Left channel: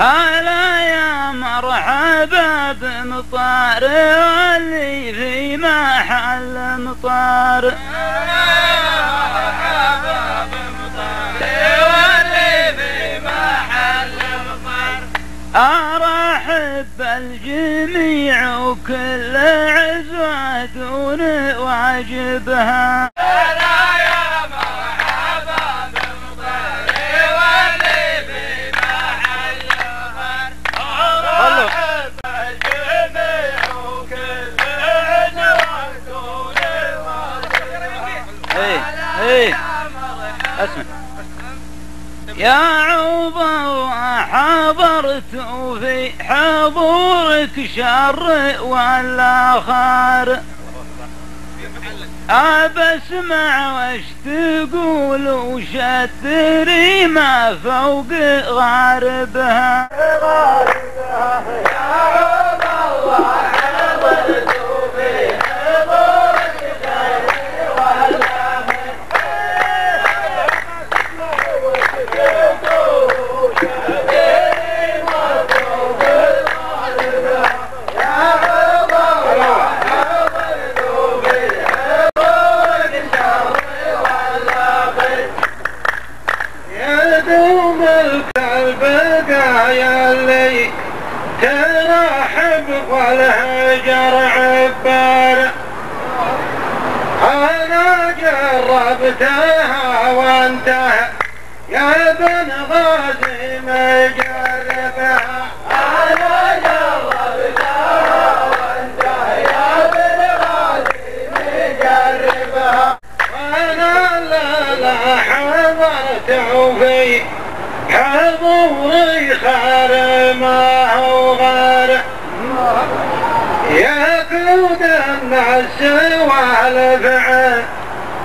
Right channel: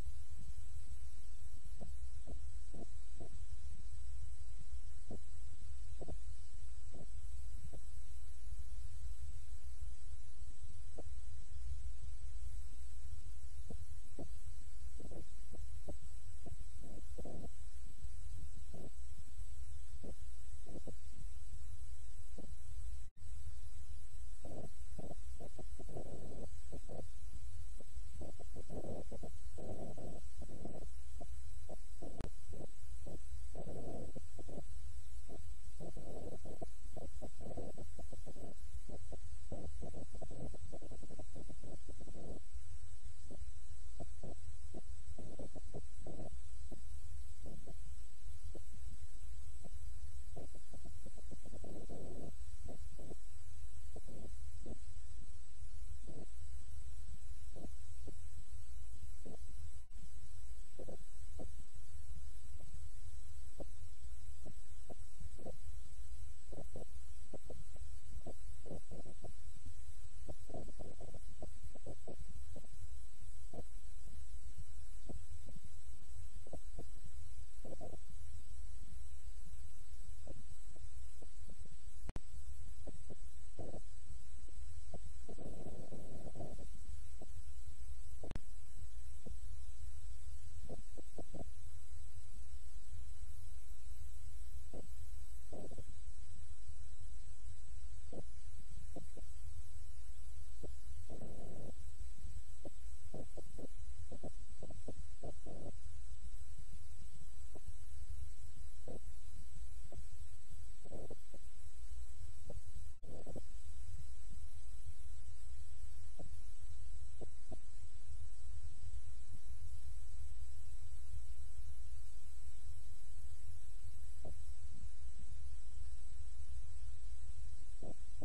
هلا يا مرحبا بمطار واللي في محل مطار. هلا يا مرحبا بمطار واللي في محل مطار. أرحب بالجميع وكل عزوة دون واجبها. اسمع يا عوضة وحضرت في حضورك شر ولا خار. أبسمع وش تقول وش تدري ما فوق غاربها. ترحب والهجر عبار. أنا جربتها وانتهى يا بن غازي مجربها. أنا جربتها وانتهى يا بن غازي مجربها. وأنا لا حضرت في حضوري خار ما هو غار. يا كود الناس والفعل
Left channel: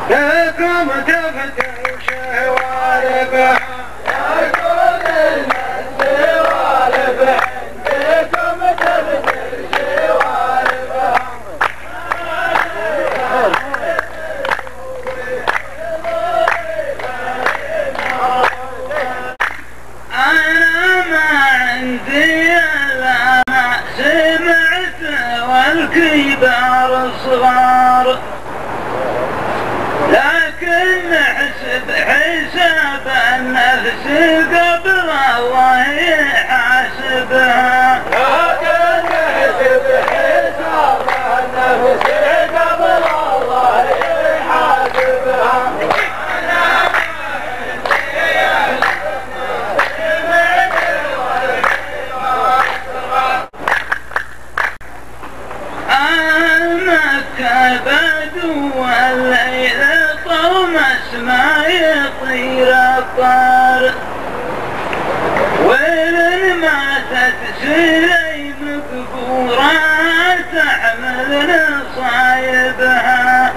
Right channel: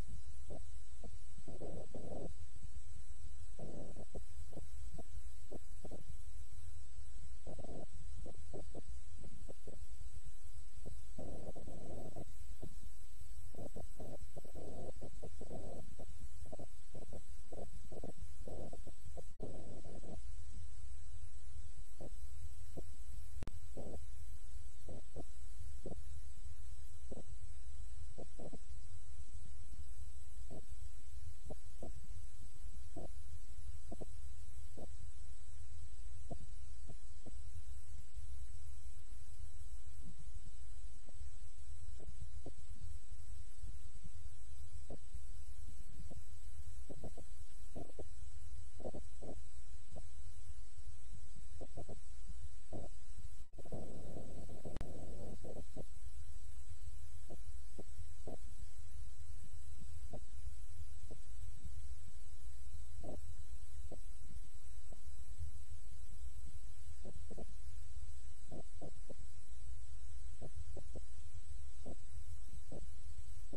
لكم تفتش والبحر. يا كود الناس والفعل لكم تفتش والبحر. أنا ما عندي إلا ما سمعت والكبار صغار، لكن حساب النفس قبل الله يحاسبها. لكن حساب النفس قبل الله يحاسبها. بدو والليل طرمس ما يطير الطار، وين ماتت سليم قبورها تحمل نصايبها.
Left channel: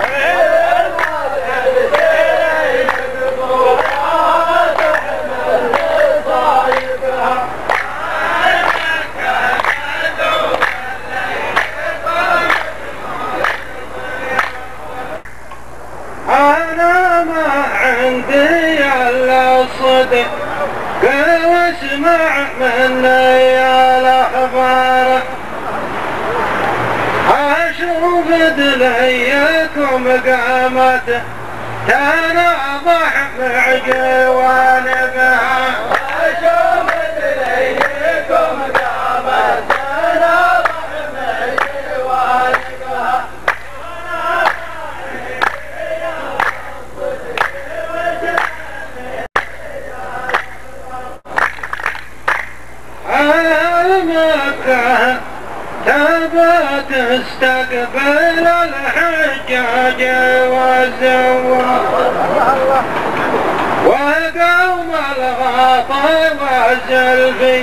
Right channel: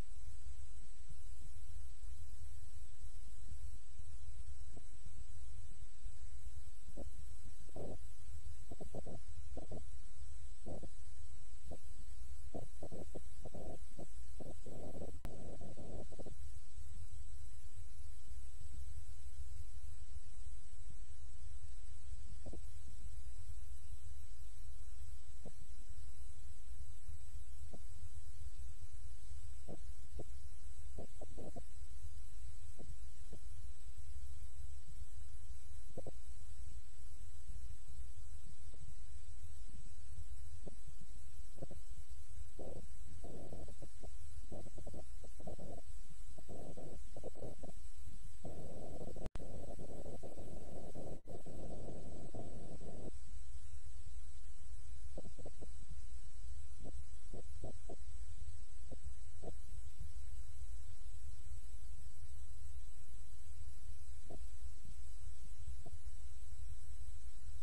أنا ما عندي إلا الصدق واسمع مني الأخبار. أشوف دليكم قامت تناضح مع جوانبها. أشوف دليكم قامت تناضح مع جوانبها. مكة تبى تستقبل الحجاج والزوار، وقوم الغاطى والزلفي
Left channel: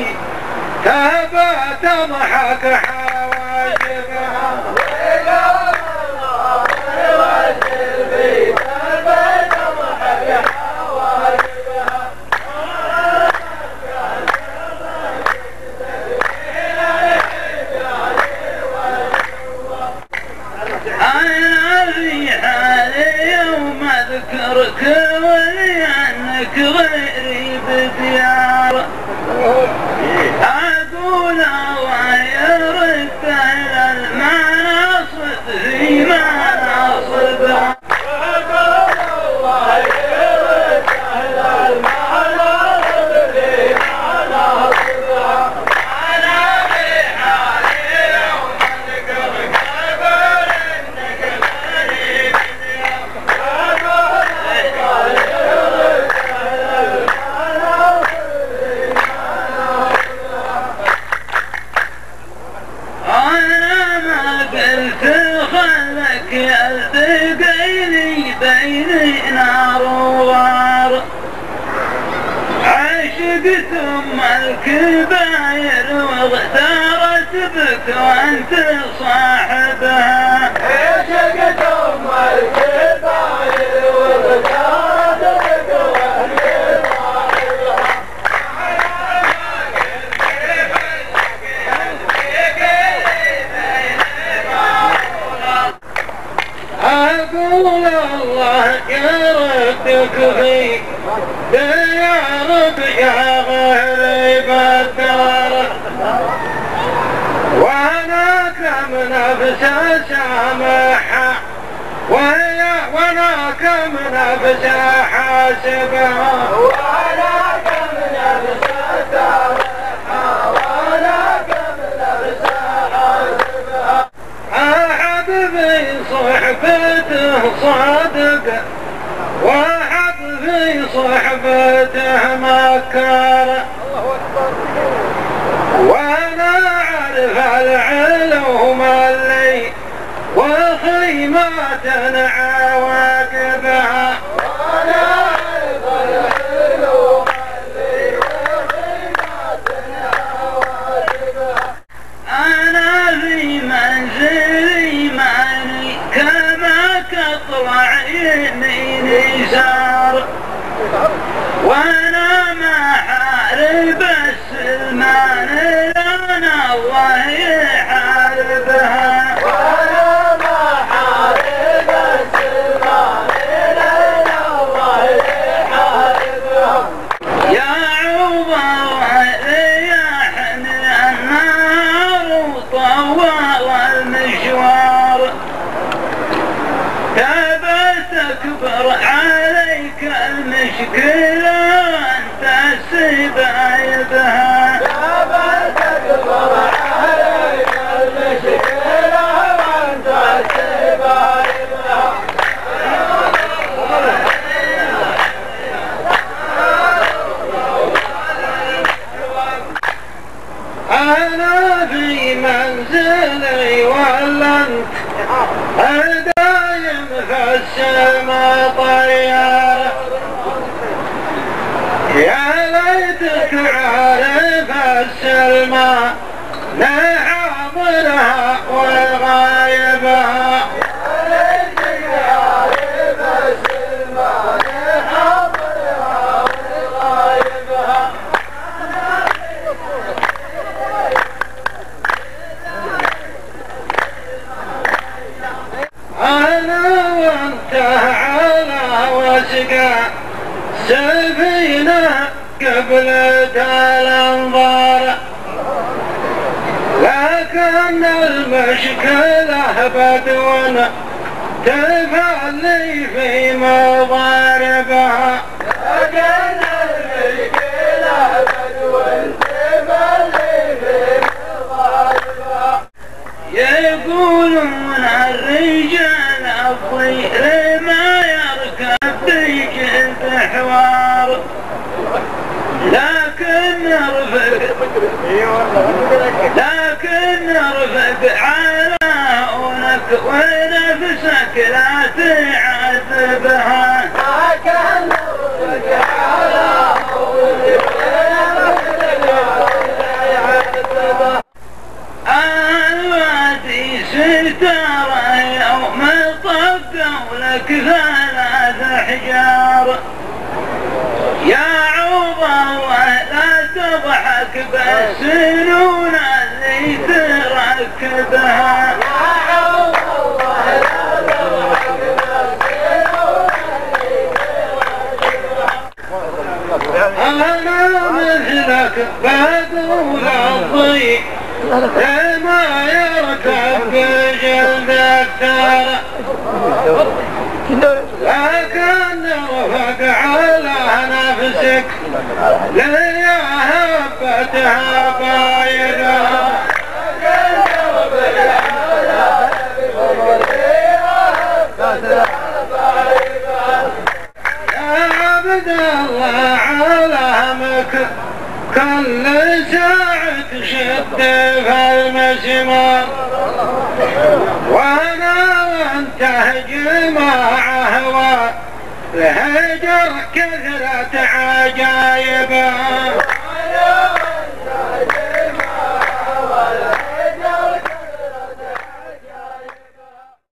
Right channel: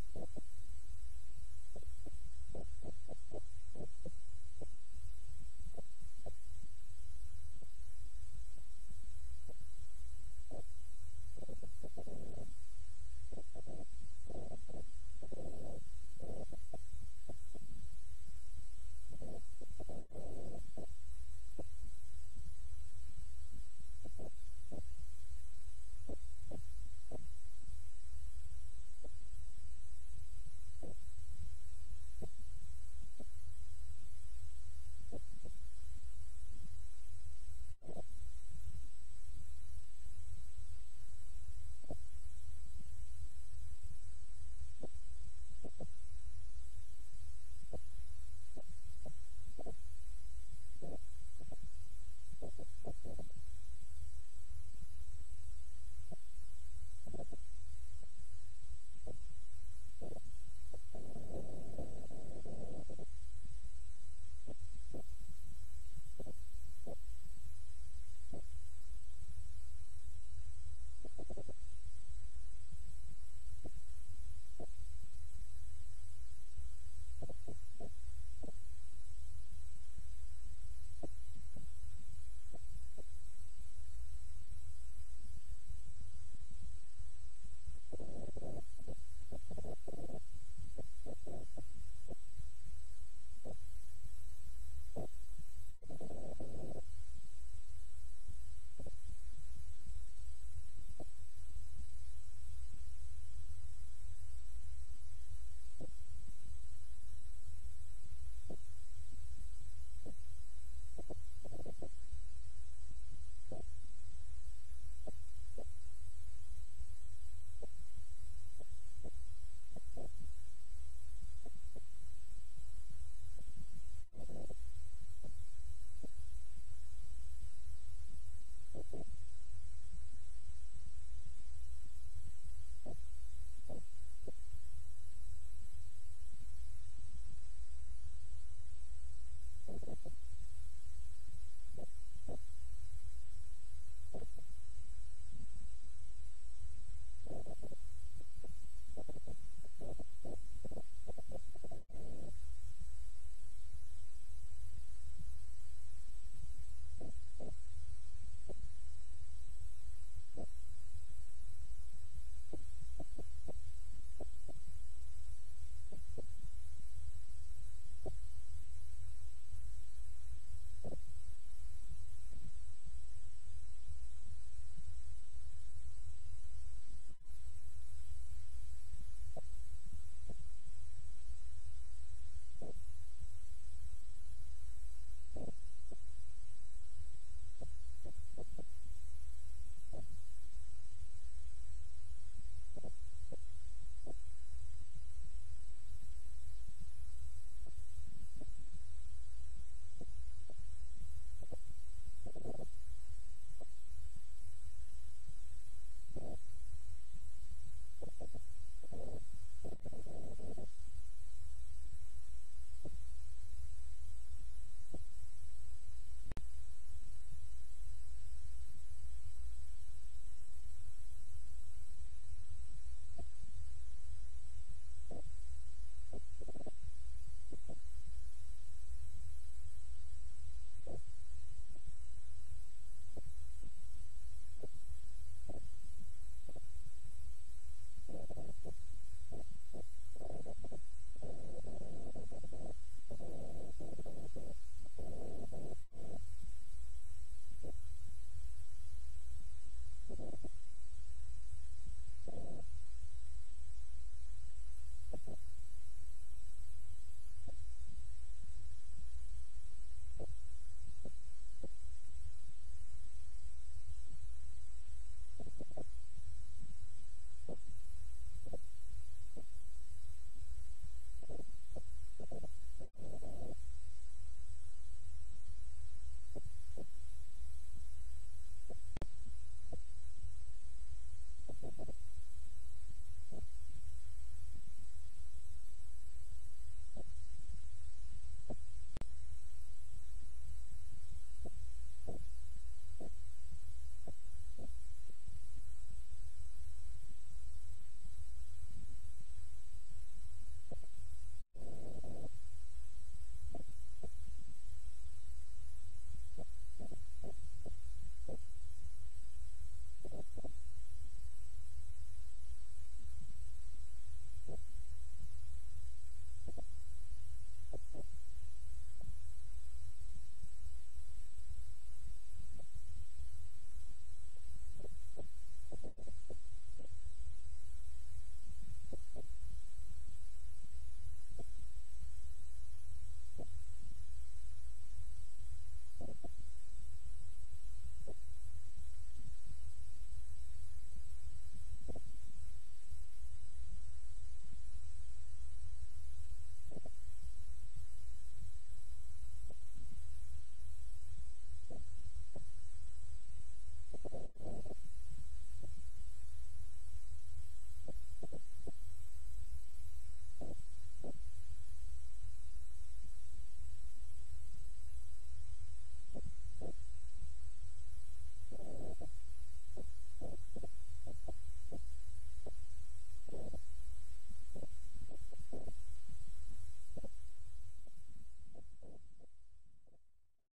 تبى تضحك حواجبها. وقوم الغاطى والزلفي تبى تضحك حواجبها. أنا في حالي يوم أذكرك ولأنك غيري بديار. الكباير واغترت بك وانت صاحبها. عشقت ام الكباير واغترت بك وانت صاحبها. اقول الله يردك في ديارك يا غريب الدار، وانا كم نفس سامحها وانا كم نفس حاسبها، وانا كم نفس سامحها وانا كم نفس حاسبها. احد في صحبته صادق واحد في صحبته مكار، وانا اعرف العلوم اللي وخيمات عواقبها، وانا اعرف العلوم اللي وخيمات عواقبها. انا في منزلي ماني كما تطلع يميني سار، وانا ما حارب السلمان لنا الله يحاربها، وانا ما حارب السلمان لنا الله يحاربها. يا عوض ريحني النار وطول المشوار، تبى تكبر عليك المشكلة وانت السبايبها، تبى تكبر عليك المشكلة وانت السبايبها. أنا في منزلي ولا انت دايم في السما طيار، يا ليتك عارف السلمى لحاضرها وغايبها، يا ليتك عارف السلمى لحاضرها وغايبها. أنا وأنت على وسقى سفينة قبل الأنظار، لكن المشكلة بدون تفعلي في مضاربها، لكن المشكلة بدون تفعلي في مضاربها. يقولون الرجال الضير ما يركب بجلد حوار، لكن نرفق على هونك ونفسك لا تعذبها، لكن نرفق على هونك ونفسك لا تعذبها. الوادي سترى يوم طقوا لك 3 أحجار، يا عوض الله لا تضحك بالسنون اللي تركبها، يا عوض الله لا تضحك بالسنون اللي تركبها. أنا مثلك بقول الضيق ما يركب بجلد الثار، لكن رفق على نفسك ليا هبتها بايدها، لكن رفق على نفسك ليا هبتها بايدها. يا عبد الله علامك كل ساعة شد في المسمار، وانا وانت جماعة الهجر كثرة عجايبها.